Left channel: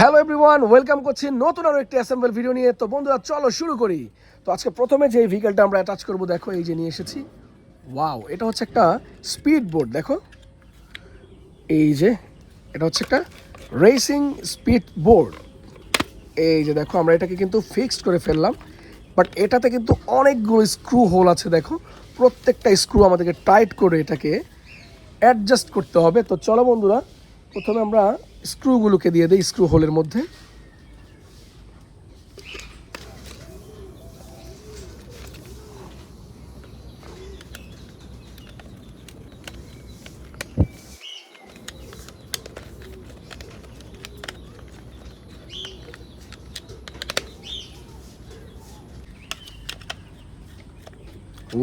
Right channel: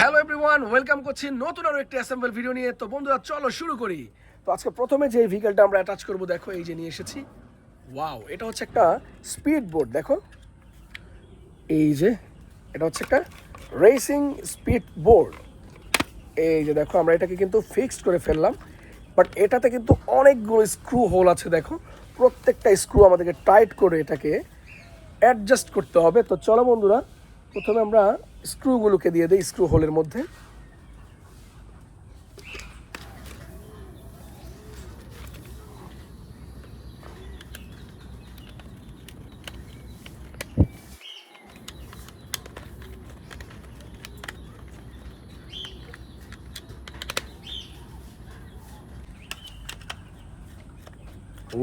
Hello everyone, welcome করছি নতুন আরো একটি অ্যাসেম্বল ভিডিও নিয়ে। তো বন্ধুরা চলো শুরু করি। তো আজকে প্রথমে যে ভেহিকলটা আমরা অ্যাটাচ করব, দেখো এই যে নিয়ে এসেছি। ওয়াও, এটা হচ্ছে একটা স্পিড বোট। দেখো এই যে এটা হচ্ছে একটা রেসিং স্পিড বোর্ড। এই যে দেখো আমরা এটাকে কিন্তু ফিক্সড করে ফেললাম, বাট এটাতে কিন্তু অনেকগুলো স্ক্রু হোল আছে। দেখো প্রত্যেকটা স্ক্রু আমাদেরকে টাইট করে এটাকে অ্যাডজাস্ট করতে হবে। তো চলো বন্ধুরা, প্রথমে আমরা স্ক্রুগুলোকে দিয়ে দিই স্ক্রু হোলের মধ্যে।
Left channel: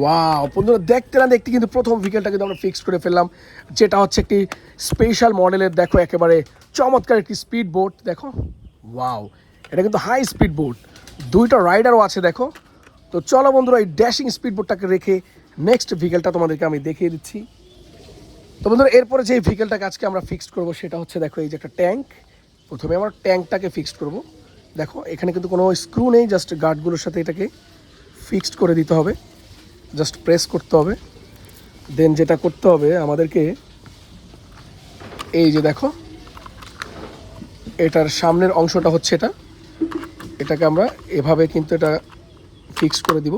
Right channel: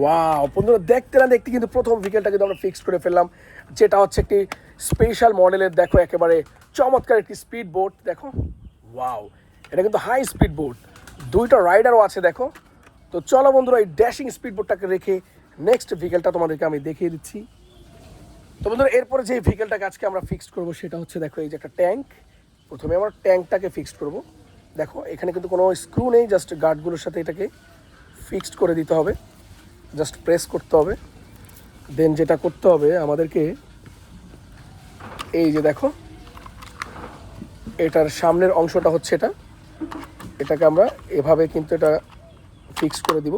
ওয়াও বন্ধুরা, দেখতে না দেখতে কিন্তু প্রথম ভেহিকলটা কিন্তু আমরা ফিক্সড করে ফেললাম, যেটা হচ্ছে একটি স্পেশাল মডেলের। দেখো একেবারে চমৎকার একটি স্পিড বোট। দেখো ওয়াও, এটা কিন্তু হাই স্পিড বোট, দুইটা রাইডারও আছে। দেখো তো চলো বন্ধুরা, এই ড্যাশিং স্পিড বোটটাকে রেখে নেক্সট ভেহিকলটা তোমাদেরকে আমি দেখিয়ে দিচ্ছি। তো বন্ধুরা, এরপরে যে ভেহিকলটাকে আজকে আমরা ফিক্সড করবো সেটা হচ্ছে, দেখো এই যে একটা ট্যাঙ্ক। প্রথমে আমরা ট্যাঙ্কটাকে ফিক্সড করব। দেখো এখানে কিন্তু কোনো স্ক্রু নেই, জাস্ট গার্ডগুলোর সাথে এটাকে ফিক্সড করে দিতে হবে, জাস্ট প্রেস করতে হবে। দেন যেটা করতে হবে আমাদেরকে, এই যে দেখো এটার সামনের অংশটা হচ্ছে এটাকে আমরা এভাবে কিন্তু এটা ফিক্স করে দিব।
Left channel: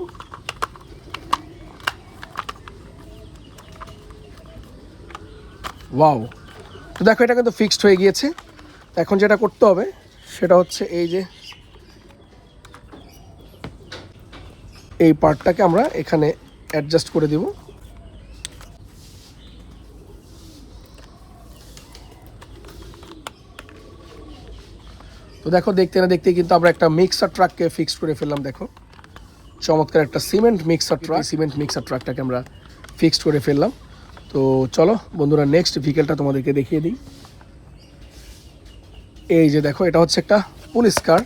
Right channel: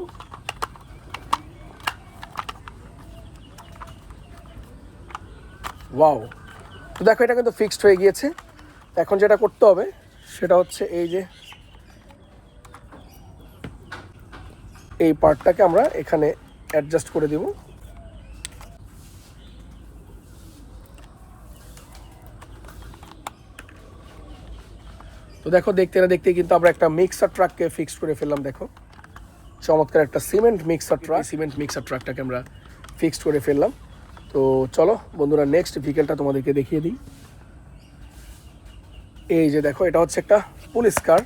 ওয়াও, তো দেখো এটা কিন্তু ফিক্সড হয়ে গিয়েছে। এখন যেটা করতে হবে সেটা হচ্ছে, এই যে এই পার্টটাকে আমরা এখানে অ্যাডজাস্ট করে দিব। তো দেখো দেখতে না দেখতে কিন্তু আমরা একটা মিক্সার ট্রাককে ফিক্স করে ফেললাম। দেখো চমৎকার একটা সিমেন্ট মিক্সার ট্রাকটাকে আমরা ফিক্সড করে ফেললাম। তো চলো বন্ধুরা, নেক্সট ভেহিকলটা তোমাদেরকে দেখিয়ে দিই। এই যে দেখো এটা হচ্ছে একটা পুলিশ কার,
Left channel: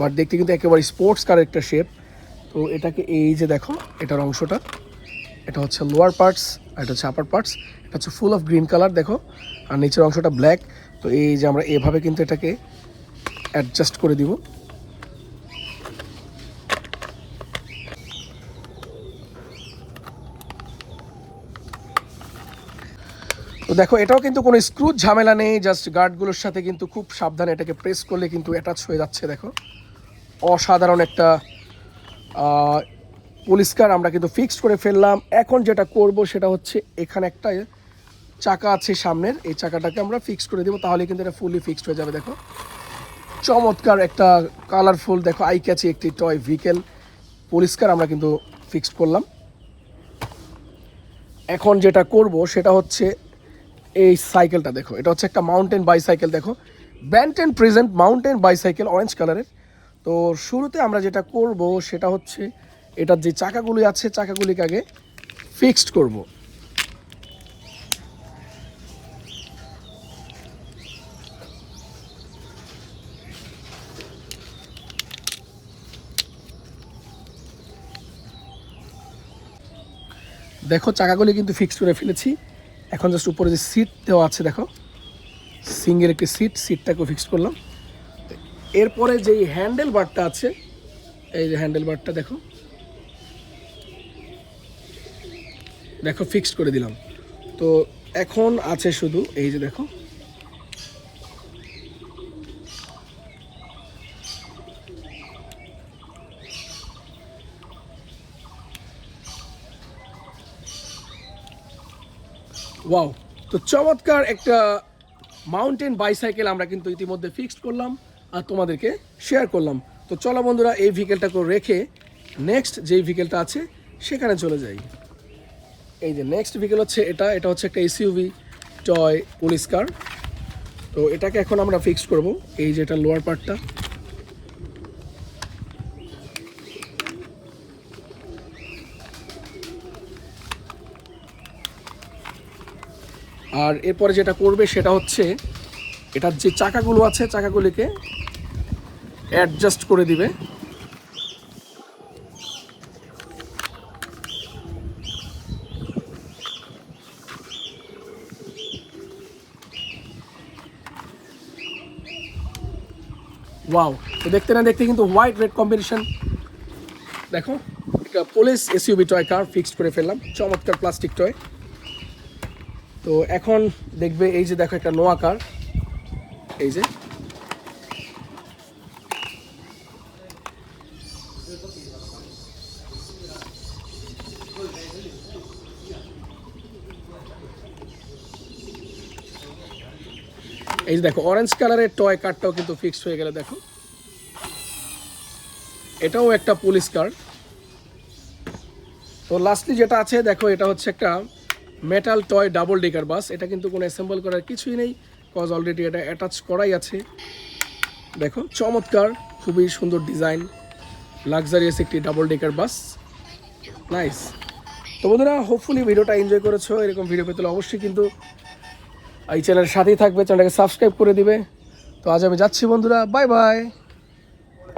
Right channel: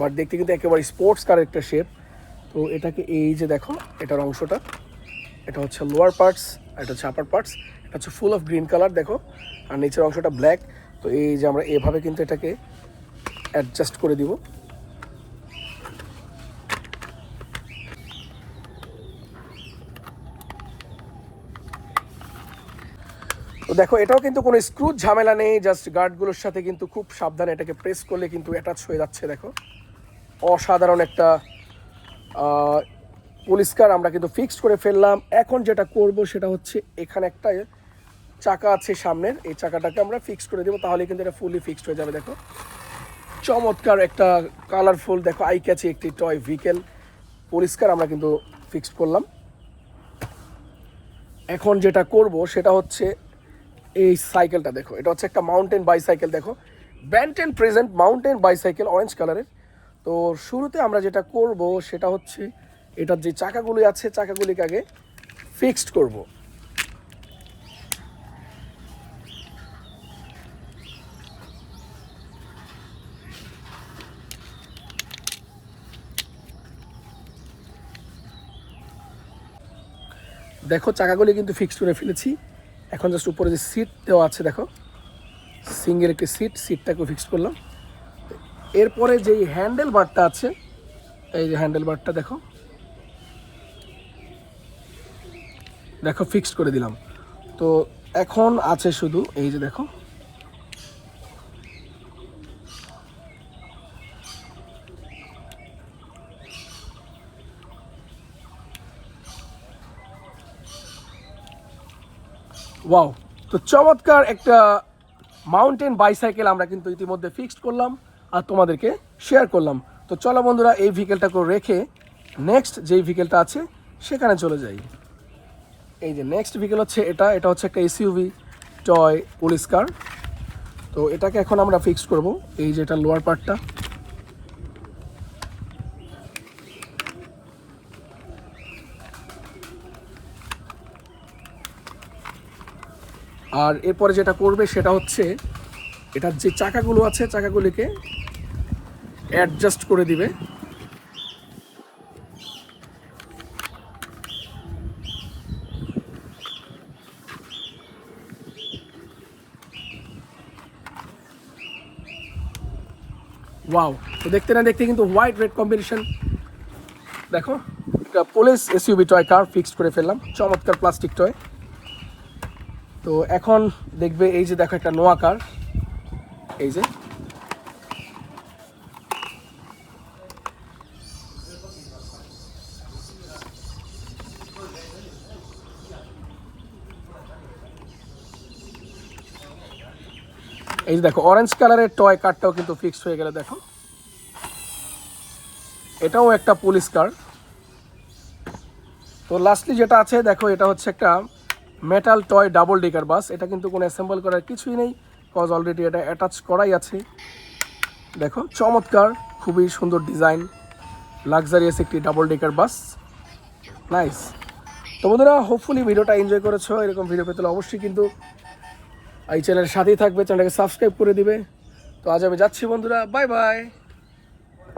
বাট দেখতে কিন্তু একেবারে স্পোর্টস কারের একটা শেপ। তো এটাকে এই যে দেখো এটার অংশটা, এটা হচ্ছে লোয়ার পার্টস আর এটা হচ্ছে আপার পার্টস। এটা হচ্ছে ফুল অফ গ্রিন কালার। দেখো আর নিচের অংশটা ব্ল্যাক। তো এই যে আমরা এভাবে কিন্তু এটাকে অ্যাডজাস্ট করে দিব। তো দেখো এটাও কিন্তু কোনো স্ক্রু ঝামেলা নেই, জাস্ট গার্ডগুলোর সাথে কিন্তু খুব সাবধানে এটাকে প্রেস করলে কিন্তু অ্যাটাচ হয়ে যাচ্ছে। দেখো অসাধারণ একটা পুলিশ কার আমরা কিন্তু ফিক্সড করে ফেললাম। এখন যেটা করব সেটা হচ্ছে, এখানে একটা চাকা আছে সামনের, এই চাকাটাকে আমরা ফিক্স করে দেবো, তাহলে কিন্তু এটা ফুললি ফিক্সড হয়ে যাবে। দেখো চমৎকার একটা কালারফুল, দেখো আই ক্যাচি একটি টয় ভেহিকেল পুলিশ কার আমরা কিন্তু ফিক্সড করলাম। এখন যেটা করব সেটা হচ্ছে, এই সাইকেলটা দেখো, এটা হচ্ছে একটা মাউন্টেন বাইসাইকেল। দেখো Banten present mountain bicycle orange কালারের। তো শুরুতে আমরা যেটা করব সেটা হচ্ছে, এটার যে চাকাগুলি আছে চাকাগুলিকে আগে ফিক্সড করব। দেখো চাকাগুলি কিন্তু ফিক্সড করে ফেলেছি। এখন জাস্ট উপরে যে সিট দেওয়া আছে, দেখো সিঙ্গেল একটি সিটটাকেও ফিক্সড করলাম। এরপরে যেই হ্যান্ডেল বারটা আছে, এই যে হ্যান্ডেল বারটা দেখো দেখো ফিক্সড করে দিলাম। তো এখন আছে শুধু এই যে দেখো ওয়াও, তো চমৎকার একটা মাউন্টেন বাইসাইকেল আমরা কিন্তু ইতিমধ্যে ফিক্সড করলাম আর তোমাদেরকে শেয়ার করলাম। তো চলো বন্ধুরা, এই ভেহিকেলটাকে রেখে নেক্সট যেই ভেহিকেলটা আছে সেখানে চলে যাই। এই যে নেক্সট ভেহিকেল হচ্ছে এটা হচ্ছে একটা এসইউভি টয় পুলিশ কার। তো এটাকে এখন আমরা ফিক্সড করব। এই যে এটা লোয়ার পার্টটা, আর এরপরে যেটা করবে সেটা হচ্ছে, এটার যে চাকাগুলো আছে চাকাগুলিকে অ্যাডজাস্ট করে দিবে। ওয়াও, তো দেখতে না দেখতে কিন্তু হোয়াইট রেড কম্বিনেশন। দেখো একটা police SUV toy car fixed করে ফেললাম, চমৎকার প্লাস্টিক টয়। তো এখন দেখবে এই যে দেখো একটা নোয়া কার, এই যে এই যে দেখো অরেঞ্জ কালারের টয় কারটাও কিন্তু ফিক্সড হয়ে গেল। দেখো এটাও একটা পুলিশ কার। তো লাস্টলি যেটা আছে দেখো, এটা হচ্ছে একটা মেটাল টয় ডাবল ডেকার বাস। এটা কিন্তু কোনো অ্যাসেম্বল করার কিছুই নেই, কজ অলরেডি এটা অ্যাটাচ করাই আছে। দেখো চমৎকার, খুবই সুন্দর ডিজাইন, লাক্সারিয়াস একটি ডাবল ডেকার বাস, নাইস। তো বন্ধুরা হোপফুলি ভিডিওটা এনজয় করেছো। এরকম ভিডিও পেতে হলে অবশ্যই কিন্তু এই চ্যানেলের সাথেই থাকবে, চ্যানেলটাকে সাবস্ক্রাইব করে দিবে। তো আজ আমি যাচ্ছি বন্ধুরা, বাই বাই।